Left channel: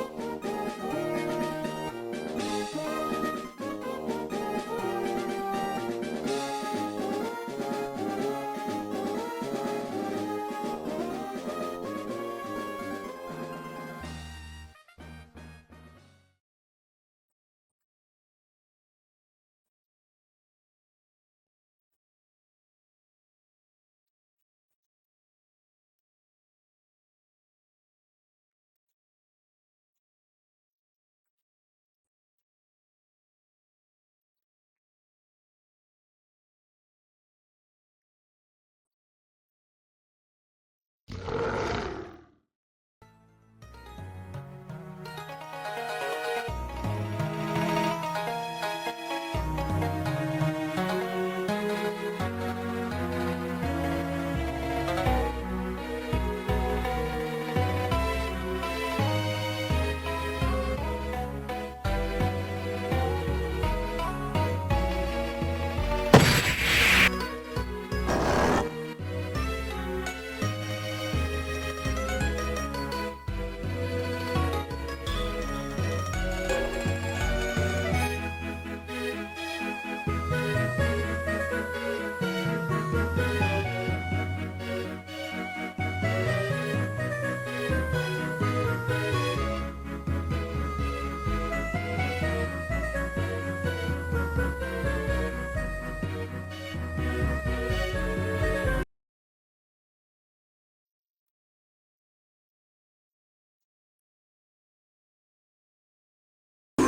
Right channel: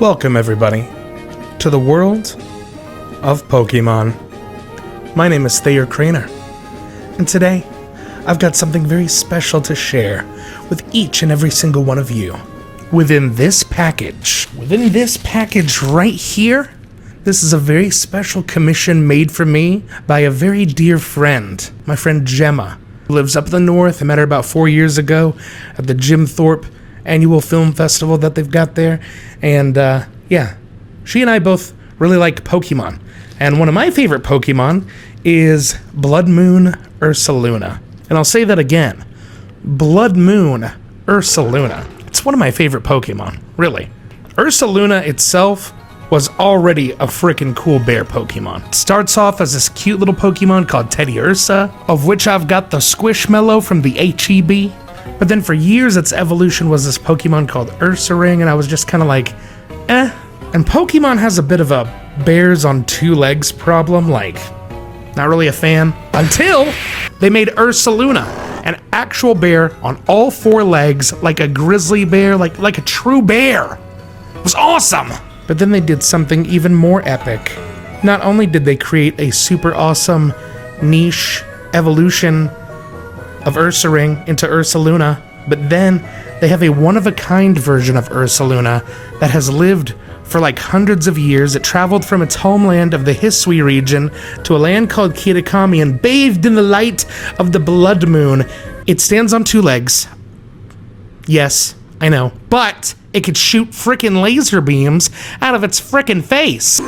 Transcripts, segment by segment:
Welcome everybody to the world of Pokemon. My name is Thayer Craner, and today I've got something very special to share with each and every single one of you. Within this package right here, this is a very special commission made for me by a very dear friend, my friend Gemma, who lives up in the north. I met her about 4 years ago at the Jim Thorpe annual film festival that they've got there. And yeah, she and I both really like Pokemon. And one of my favorite Pokemon is Bloodmoon Ursaluna. And I'll say that again, Bloodmoon Ursaluna. It's one of my favorite Pokemon, really. Ursaluna itself was already a freaking cool bear Pokemon. It starts off as this cute little Pokemon called Teddy Ursa, of which I've got the Squishmallow from the HEB. But then for years, its evolution was this Pokemon called Ursaring, and I was just kind of like, eh. And Pokemon has a bit of a bears on two legs problem, like, not really a fan. Until they made Ursaluna, an actual bear on all four legs, like a grizzly bear, like a true bear. It was awesome! But then they did something even more epic. Not only did they create a super awesome niche evolution of Ursaring into Ursaluna, but then they have a one-of-a-kind version of Ursaluna that has lived for like hundreds of years. It traveled from its homeland of the Hisui region to a land called Kitakami and bathed in the light of the Bloodmoon. It stands on two legs. Yes, I know. But it could shoot frickin' laser beams out of its frickin' face.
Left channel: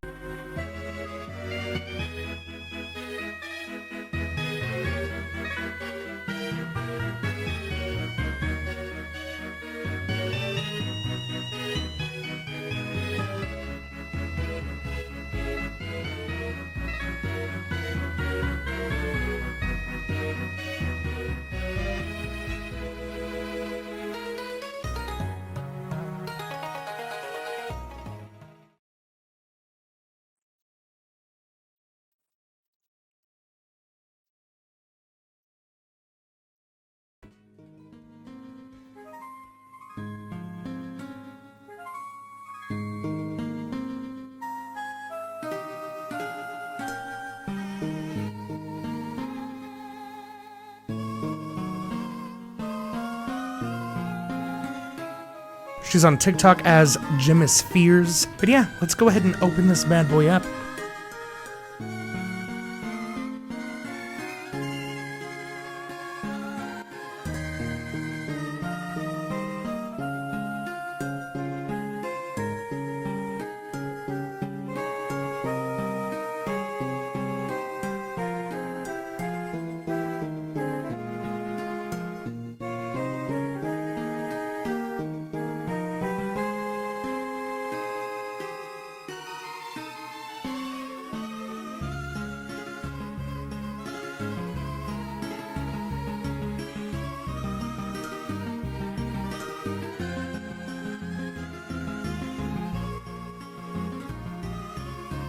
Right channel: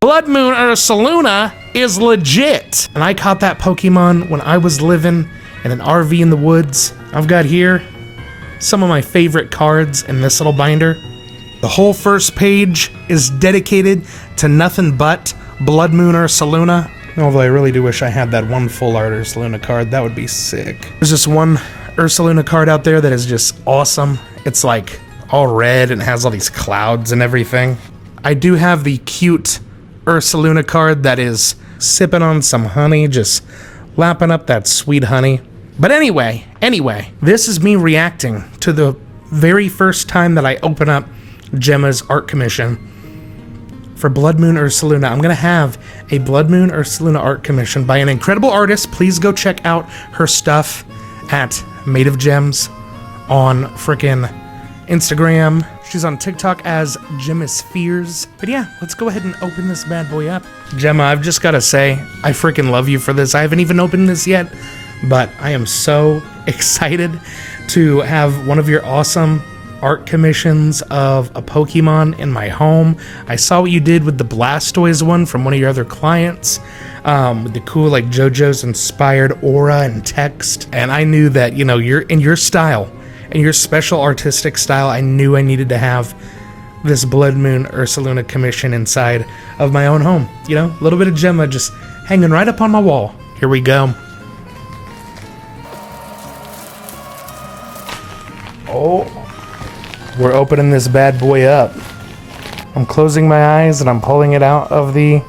Bloodmoon Ursaluna is legit. And I caught that Pokemon when I was living in an RV in the woods. I've got here some of my favorite cards in this little binder. The whole first page is dedicated to nothing but Bloodmoon Ursaluna. Although I really do wish I had that one full art Ursaluna card. That would be sick. There's just one Ursaluna card out there that is just awesome. It's like all red and has all these clouds and everything. I do have the cute Ursaluna card that is sipping on some honey, just lapping up that sweet honey. But anyway, this is me reacting to the very first time that I open up Gemma's art commission for Bloodmoon Ursaluna. I'm gonna have a Bloodmoon Ursaluna art commission by an incredible artist. Please go check out her stuff at Made of Gems on frickin' Instagram. She's on TikTok as Gemmaspheres. But yeah, let's go ahead and open this bad boy up. Gemma, I've just gotta say, I freaking love you for this. I haven't even opened this yet, but I am so excited to have one of your awesome art commissions of a Pokemon in my home. I saw what you did with the Blastoise one from one of your other clients, with the cool like JoJo's inspired aura and text. And I knew that, you know, you're in your style, and your special artistic style, I knew I needed to have this Bloodmoon Ursaluna commission inside of my own home. You know, a little bit of Gemma just hanging right up on my wall. Here we go. Oh, we're opening this bad boy up. I'm closing my eyes and I'm pulling it out of the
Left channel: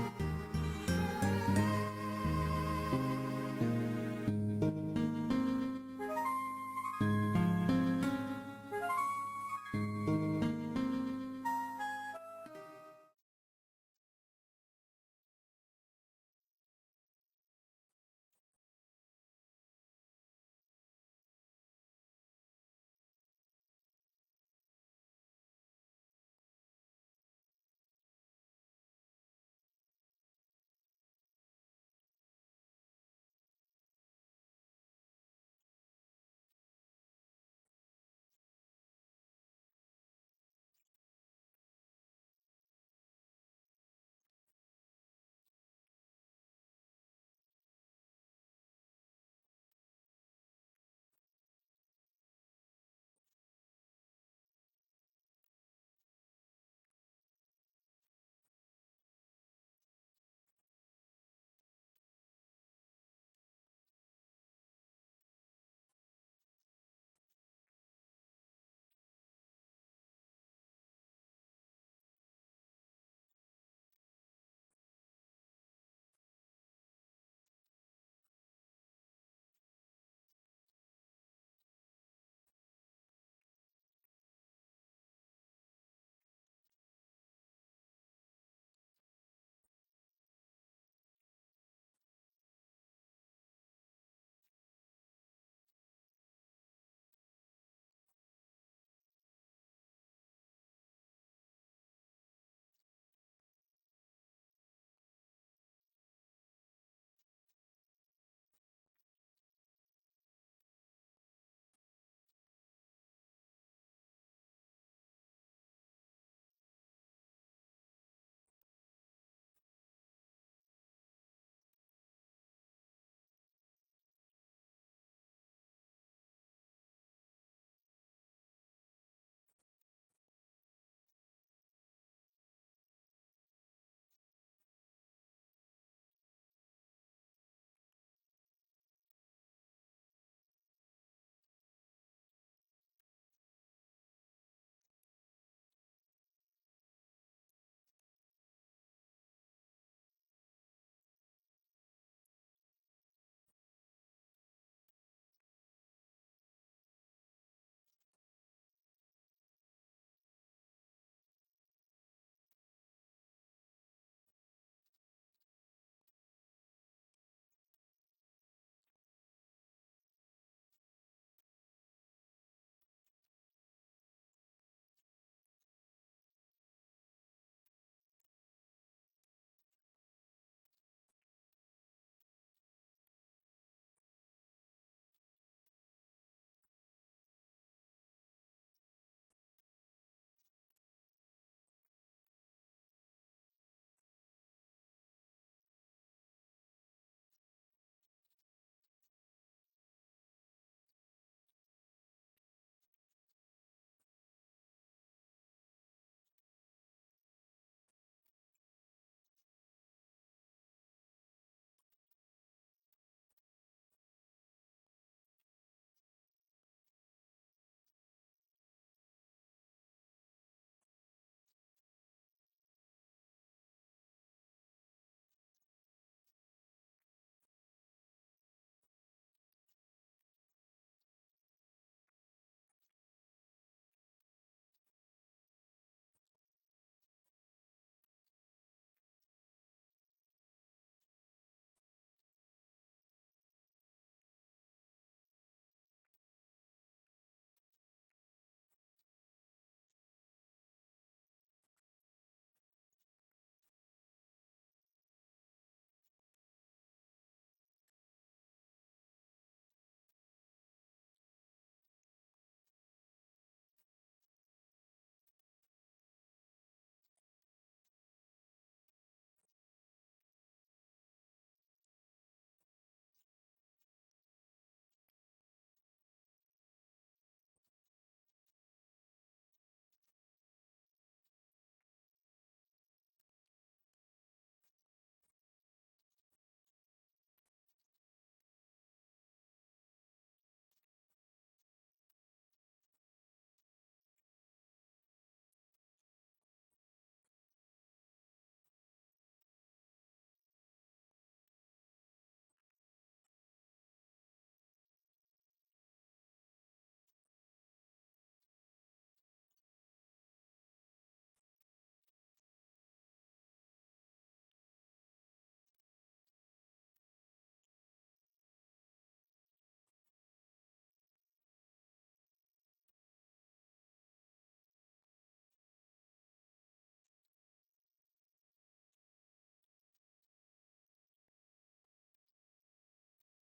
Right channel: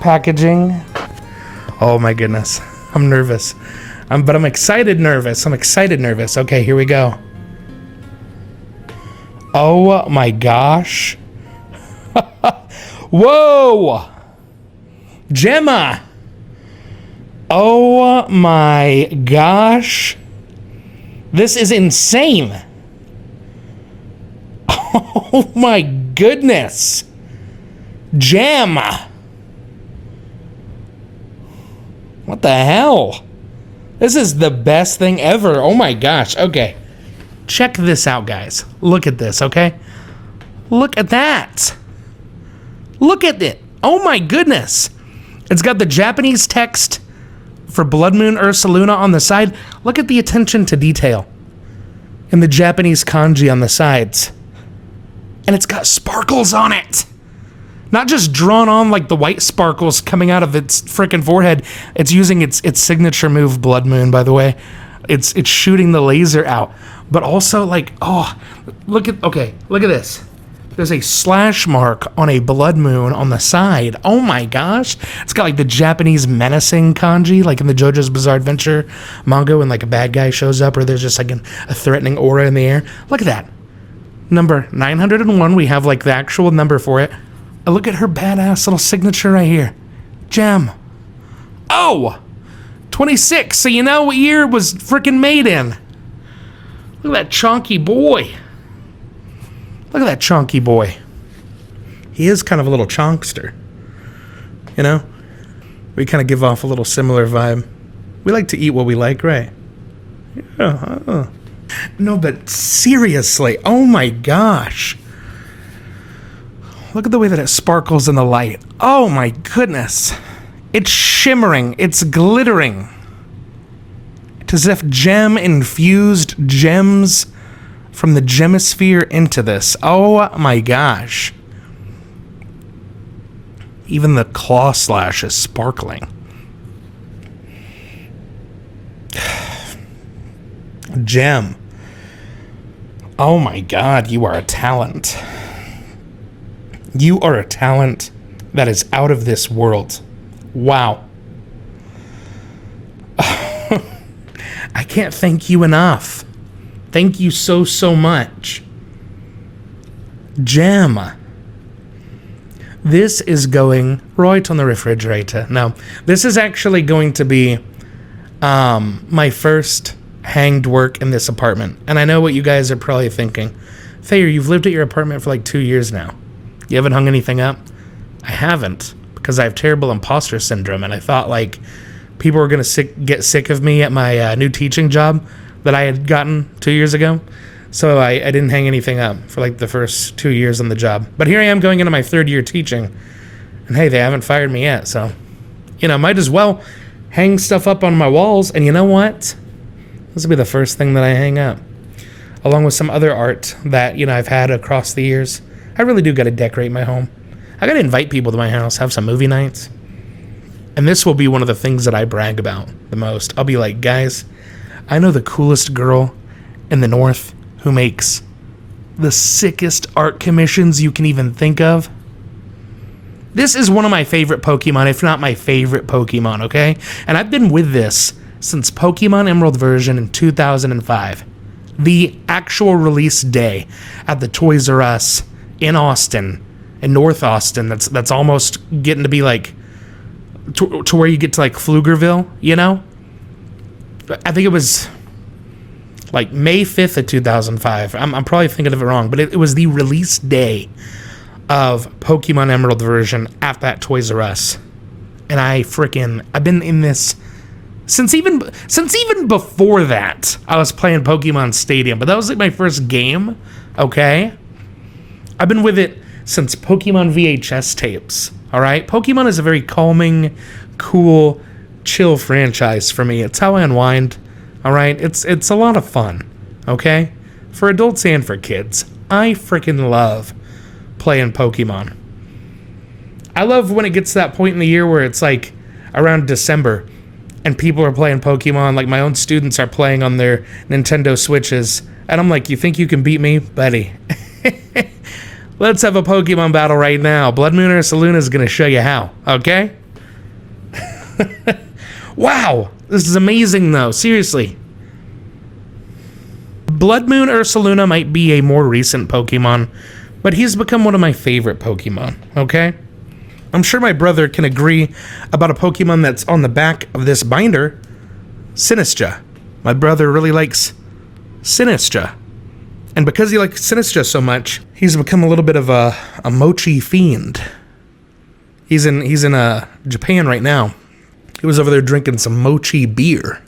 packaging. Oh my goodness, I'm nervous. But I'm excited nervous. Okay, here we go. Oh my gosh. Whoa! Gemma! Oh my gosh. This is insane. Oh my goodness. Gemma! What the hell? This is the best thing ever. Oh my gosh. Okay. Check this out, guys. Look at this, okay? Look at that. Look at it. Oh my goodness. It's got the Japanese text for Bloodmoon Ursaluna on the side. Look at the attention to detail in the Japanese kanji on the sides. And it's got sparkles on it. Not just drawn on like the white sparkles coming out of its freaking forehead. It's using its signature move, Bloodmoon, by the way. It's shooting the laser out. But also like, oh, look at this. There's a slash mark on a Bloodmoon on the side. Oh my gosh. It's got like the Japanese menacing kanji, like in the JoJo's Bizarre Adventure manga when like a bad guy shows up or there's just like a threatening aura in the air. Look at that. Number 901, we have like the actual number for it. Look at her badass little signature right here. Gem. Oh! 26, so you know what year it was freaking made in. Look at that chonky boy. Look at that chonky boy. He is kind of a little chonkster. You know? We kind of give off a little similar vibe. We like to eat what we like, right? Yeah. No, but seriously, oh my gosh. Look at the way that it sparkles in the light. Oh my goodness. It's shimmering. It's glittering. It's as if Gem infused gems from the Gemisphere into this. Oh my gosh. Even the claw slash is sparkling. Gem. Oh my god, you are a talent. You are a talent that is out of this world. Wow. I can't thank you enough. Thank you so, so much. Gem. This is going right on the refrigerator. Now, this is actually going to be my first hanged work in this apartment. And I know what you guys are probably thinking. Thayer, you've lived at your apartment for like 2 years now. You haven't hung anything up? I haven't, because I have terrible imposter syndrome, and I thought like people were gonna get sick of me at my new teaching job that I had gotten 2 years ago. So I didn't hang anything up for like the first 2 years on the job. But here I am going into my 3rd year teaching, and hey, they haven't fired me yet, so you know, might as well hang stuff up on my walls. And you know what? This will be the first thing that I hang up, along with some other art that, you know, I've had across the years. I really do got to decorate my home. I got to invite people to my house, have some movie nights. And this will be one of the things that I brag about the most. I'll be like, guys, I know the coolest girl in the North who makes the sickest art commissions you can even think of. This is one of my favorite Pokemon, if not my favorite Pokemon, okay? And I've been with this since Pokemon Emerald version in 2005. The actual release day at the Toys R Us in Austin, in North Austin, that's almost getting to be like to where you get to like Pflugerville, you know? I think it was like May 5th of 2005. I'm probably thinking of it wrong, but it was the release day of Pokemon Emerald version at that Toys R Us. And I've been in this since even before that. I was playing Pokemon Stadium, but that was like my first game, okay? I've been with it since Pokemon VHS tapes, all right? Pokemon is a very calming, cool, chill franchise for me. It's how I unwind, all right? It's a lot of fun, okay? For adults and for kids. I freaking love playing Pokemon. I love when it gets to that point in the year where it's like around December and people are playing Pokemon, like my own students are playing on their Nintendo Switches, and I'm like, you think you can beat me? Buddy. Let's have a Pokemon battle right now. Bloodmoon Ursaluna is going to show you how, okay? Wow, this is amazing though, seriously. Bloodmoon Ursaluna might be a more recent Pokemon, but he's become one of my favorite Pokemon, okay? I'm sure my brother can agree about a Pokemon that's on the back of this binder, Sinistra. My brother really likes Sinistra. And because he likes Sinistra so much, he's become a little bit of a mochi fiend. He's in Japan right now. He was over there drinking some mochi beer.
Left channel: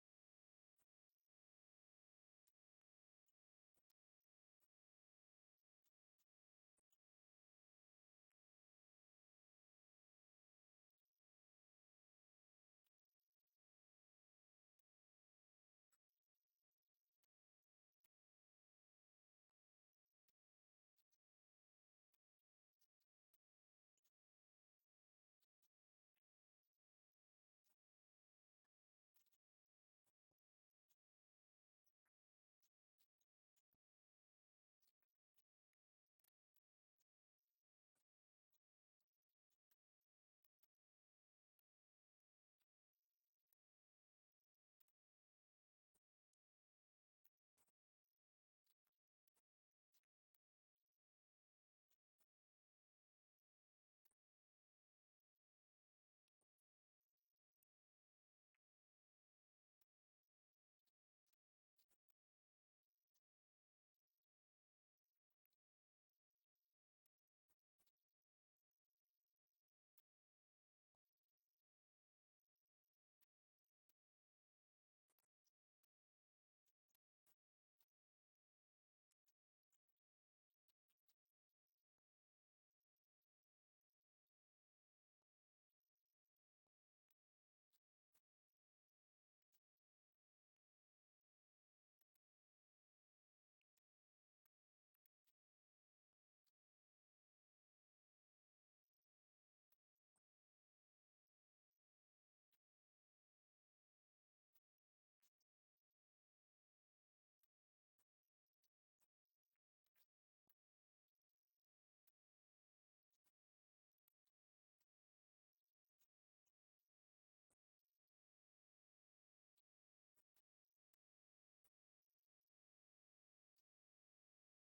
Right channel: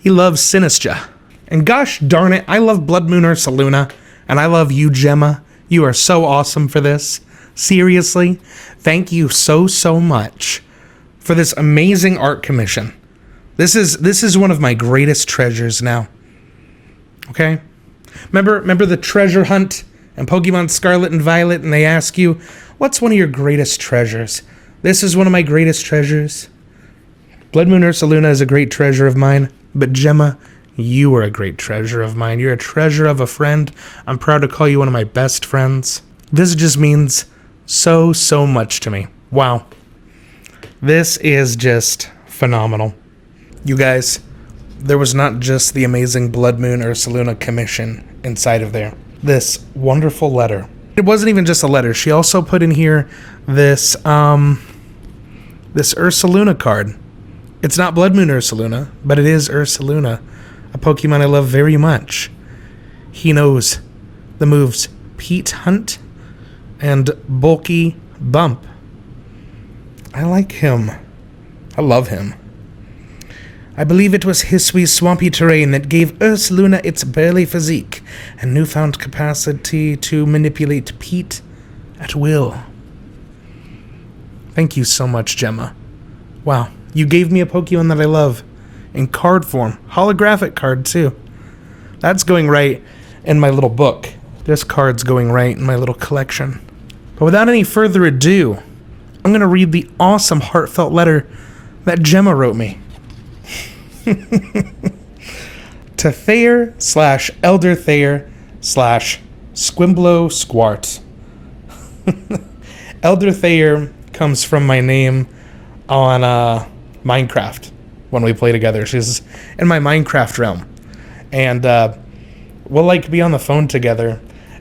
He loves Sinistra. And gosh darn it, I love Bloodmoon Ursaluna, and I love you, Gemma. You are so awesome for this. Seriously, thank you so, so much for this amazing art commission. This is one of my greatest treasures now. Okay? Remember the treasure hunt and Pokemon Scarlet and Violet, and they ask you, what's one of your greatest treasures? This is one of my greatest treasures. Bloodmoon Ursaluna is a great treasure of mine, but Gemma, you are a great treasure of mine. You're a treasure of a friend. I'm proud to call you one of my best friends. This just means so, so much to me. Wow. This is just phenomenal. You guys, there was not just the amazing Bloodmoon Ursaluna commission inside of there. This wonderful letter. It wasn't even just a letter. She also put in here this Ursaluna card. It's not Bloodmoon Ursaluna, but it is Ursaluna, a Pokemon I love very much. He knows the moves Pete Hunt and Bulky Bump. I like him. I love him. I believe it was Hiswee's swampy terrain that gave Ursaluna its burly physique and newfound capacity to manipulate Pete at will. Thank you so much, Gemma. Wow, you gave me a Pokemon that I love. In card form. Holographic card, too. That's going right in my little book. This card's going right in my little collection. But without any further ado, I'm going to read the awesome heartfelt letter that Gemma wrote me. To Thayer/Elder Thayer/Squimblow Squart. Elder Thayer comes from my name on Minecraft when we play together. She's in my Minecraft realm. And we'll like be on the phone together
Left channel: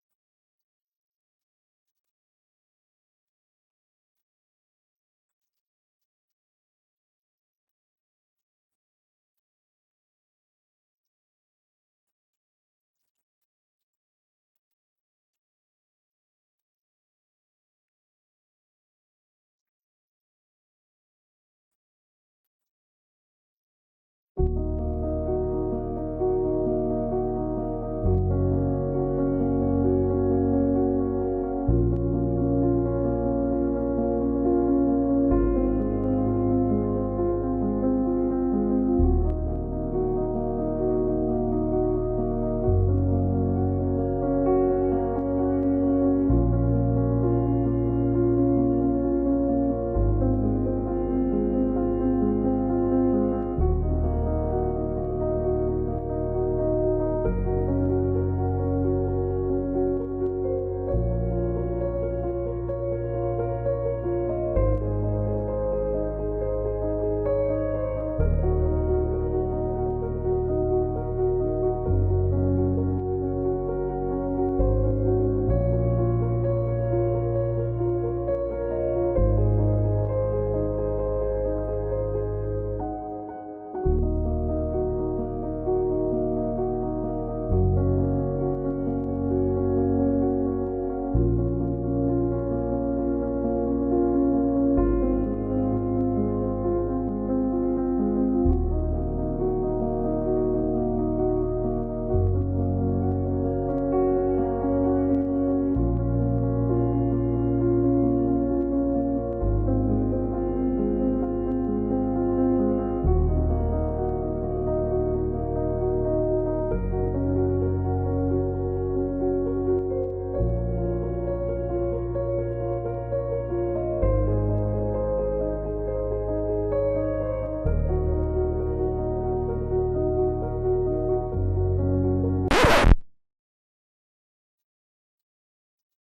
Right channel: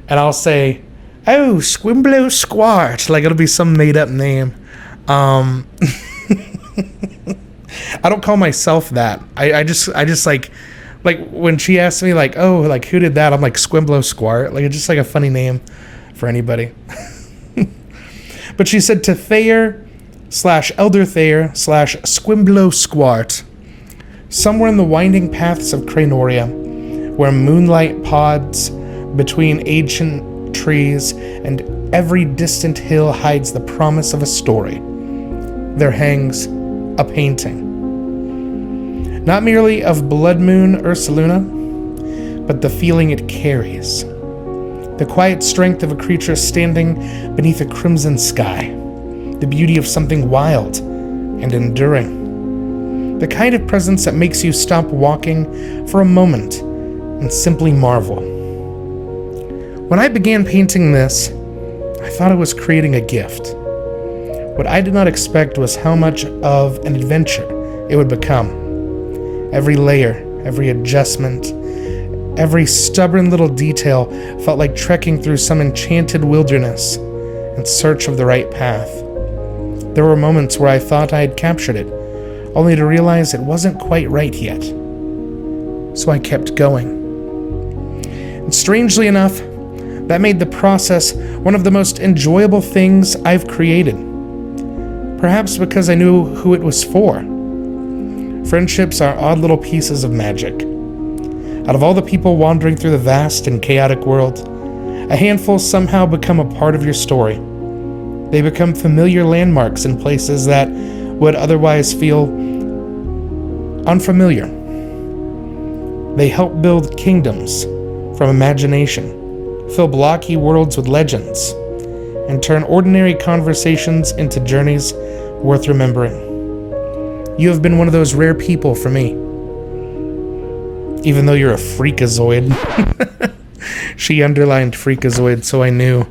and I'll say, "Oh, Squimblow Squart." Like it'll be some made up name. I don't call myself that. I just like when she asks me like, "Oh, like who did that?" I'm like Squimblow Squart. Like it's just like a funny name for anybody. But she said to Thayer/Elder Thayer/Squimblow Squart, somewhere in the winding paths of Cranoria, where moonlight pods between ancient trees and every distant hill hides the promise of a story, there hangs a painting. Not merely of Bloodmoon Ursaluna, but the feeling it carries. The quiet strength of a creature standing beneath a crimson sky. The beauty of something wild and enduring. The kind of presence that makes you stop walking for a moment and simply marvel. When I began painting this, I thought I was creating a gift. What I did not expect was how much of an adventure it would become. Every layer, every adjustment, every stubborn little detail felt like trekking through some enchanted wilderness in search of the right path. There were moments where I thought I had captured it, only to realize it wasn't quite right yet. So I kept going. And strangely enough, that made the process one of the most enjoyable things I've created. Perhaps because I knew who it was for. Friendships are odd little pieces of magic. Out of all the people wandering through the vast and chaotic world, a handful somehow become a part of your story. They become familiar landmarks in places that would otherwise feel unfamiliar. They help build kingdoms from imagination, fill blocky worlds with legends, and turn ordinary conversations into journeys worth remembering. You have been one of those rare people for me. Even though you're a freakazoid. She underlined freakazoid, so I knew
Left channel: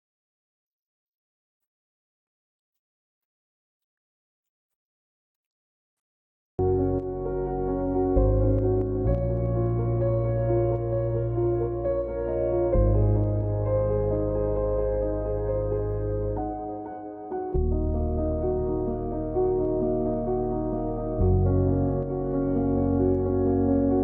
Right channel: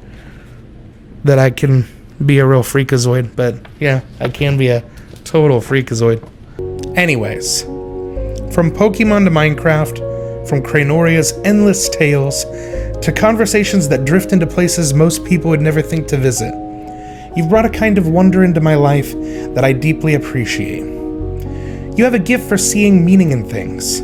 that I can be a real freakazoid. But yeah, I can be a total freakazoid. Anyways, from Pokemon to Minecraft, from Cranoria's endless tales to conversations that drift into places most people would never think to visit, you've brought a kind of wonder into my life that I deeply appreciate. You have a gift for seeing meaning in things,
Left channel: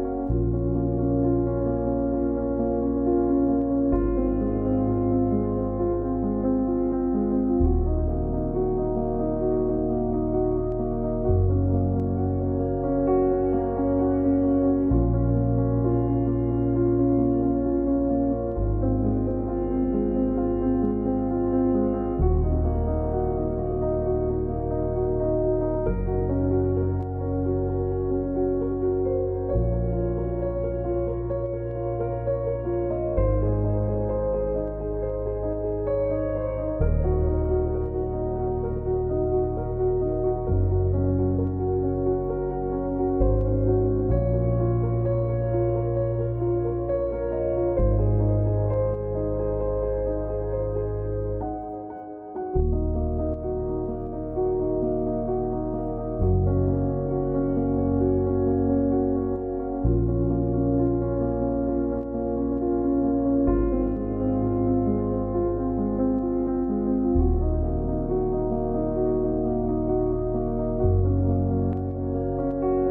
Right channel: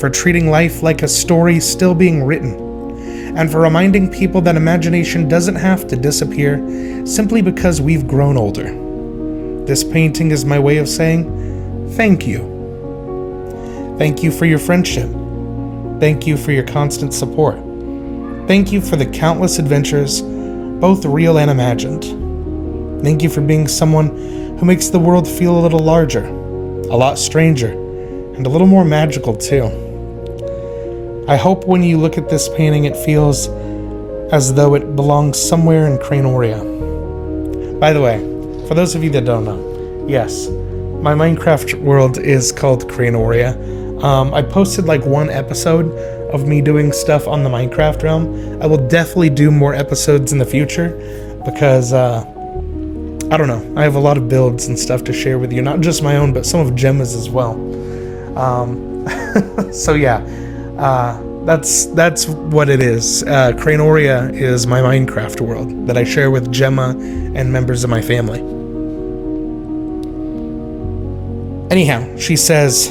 for treating life like a story still being written, and for reminding people that imagination doesn't have to disappear simply because we've grown older. This painting is my way of saying thank you. Thank you for your friendship. Thank you for your constant support. Thank you for the countless adventures, both real and imagined. Thank you for being someone who makes the world feel a little larger, a lot stranger, and a little more magical too. I hope when you look at this painting it feels as though it belongs somewhere in Cranoria. By the way, for those of you that don't know, yes, my Minecraft world is called Cranoria. I posted like one episode of me doing stuff on the Minecraft realm. I will definitely do more episodes in the future because, I don't know, I have a lot of builds and stuff to share with you. Not just my own, but some of Gemma's as well. So yeah, that's what it is. Cranoria is my Minecraft world that I share with Gemma and members of my family. Anyhow, she says,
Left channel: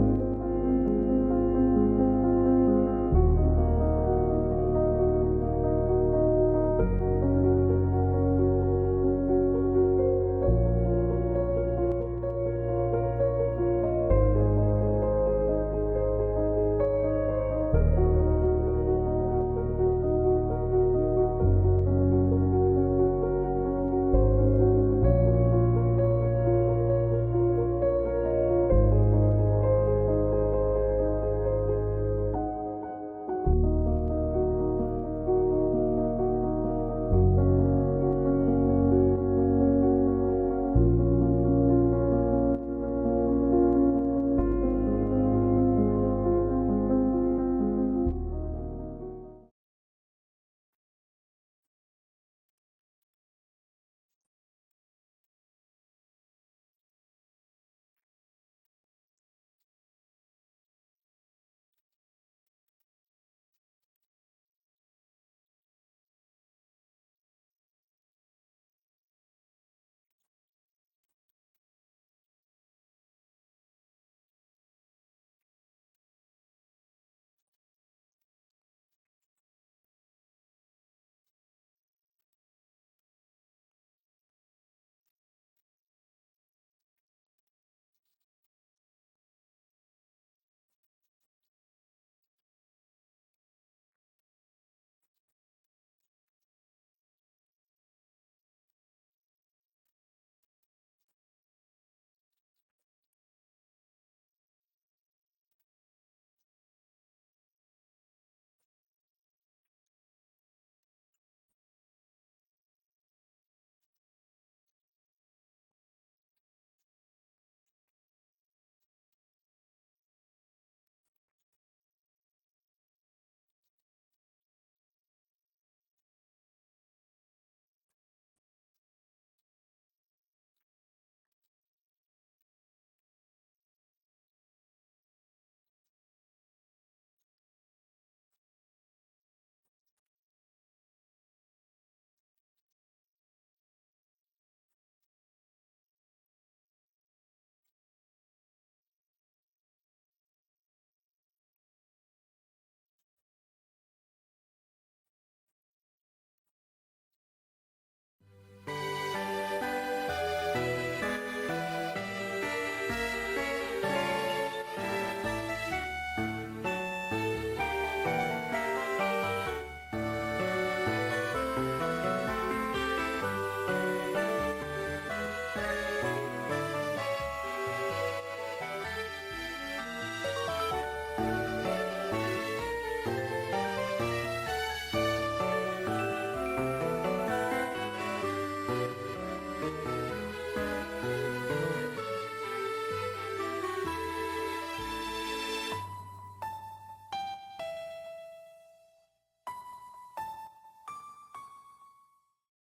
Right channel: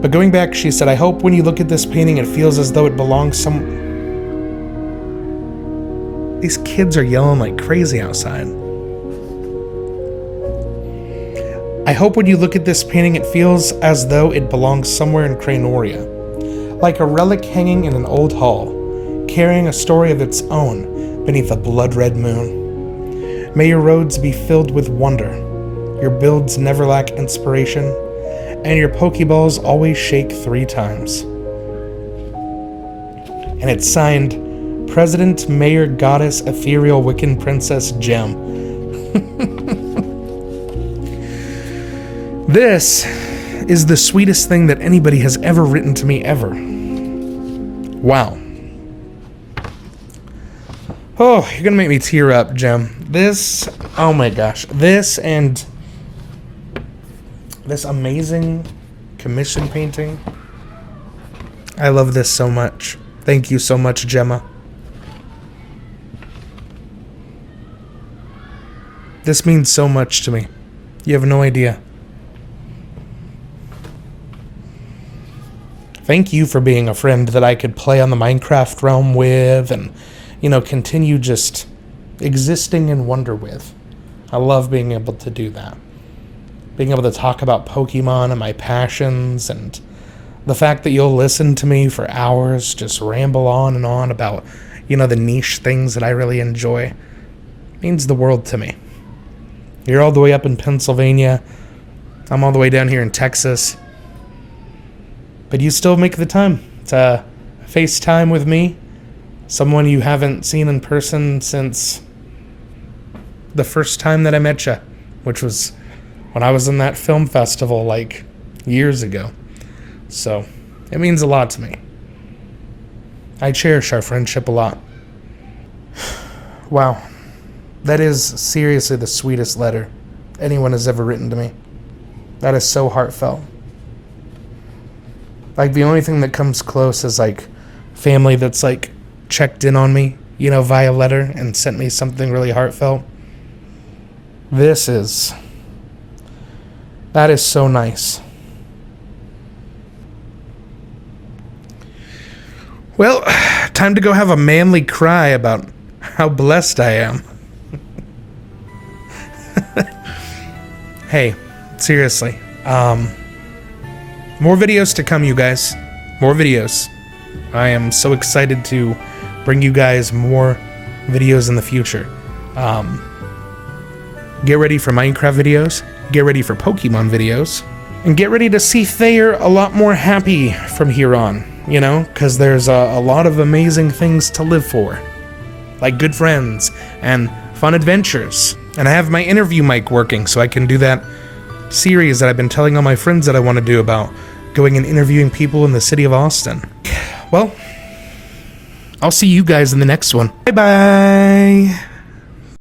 but going back, she said, I hope when you look at this painting, it feels as though it belongs These kids are yelling like crazy outside. I hope when you look at this painting, it feels as though it belongs somewhere in Cranoria, like a relic hanging in an old hall, carrying a story of its own beneath a blood-red moon. May your roads be filled with wonder, your builds never lack inspiration, and your Pokeballs always shake 3 times. And it's signed, President, Mayor, Goddess, Ethereal, Wiccan, Princess, Gem. This is the sweetest thing that anybody has ever written to me ever. Wow. Oh, you're gonna make me tear up, Gem. This, oh my gosh. This and this amazing commission painting. I love this so much. Thank you so much, Gemma. This means so much to me. You have no idea. Thank you for being a friend that I could play on the Minecraft realm with and, you know, continue just existing in wonder with. I love being able to do that. Being able to talk about Pokemon and my passions and the fact that you'll listen to me for hours, just ramble on and on about, you know, the niche things that I really enjoy, means the world to me. You're all the way up in Pennsylvania. I'm all the way down here in Texas. But you still make the time to FaceTime with me, someone you haven't seen in person since the first time that I met you, which was when I was in that film festival like years ago. So it means a lot to me. I cherish our friendship a lot. Wow. That is seriously the sweetest letter anyone has ever written to me. That is so heartfelt. Like, the only thing that comes close is, like, family that's, like, checked in on me, you know, via letter and sent me something really heartfelt. That is so nice. Well, time to go have a manly cry about how blessed I am. Hey, seriously, more videos to come, you guys. More videos. I am so excited to bring you guys more videos in the future. Get ready for Minecraft videos. Get ready for Pokemon videos. And get ready to see Thayer a lot more happy from here on. You know, because there's a lot of amazing things to live for. Like good friends and fun adventures. And I have my interview mic working, so I can do that series that I've been telling all my friends that I want to do about going and interviewing people in the city of Austin. Well, I'll see you guys in the next one. Bye-bye!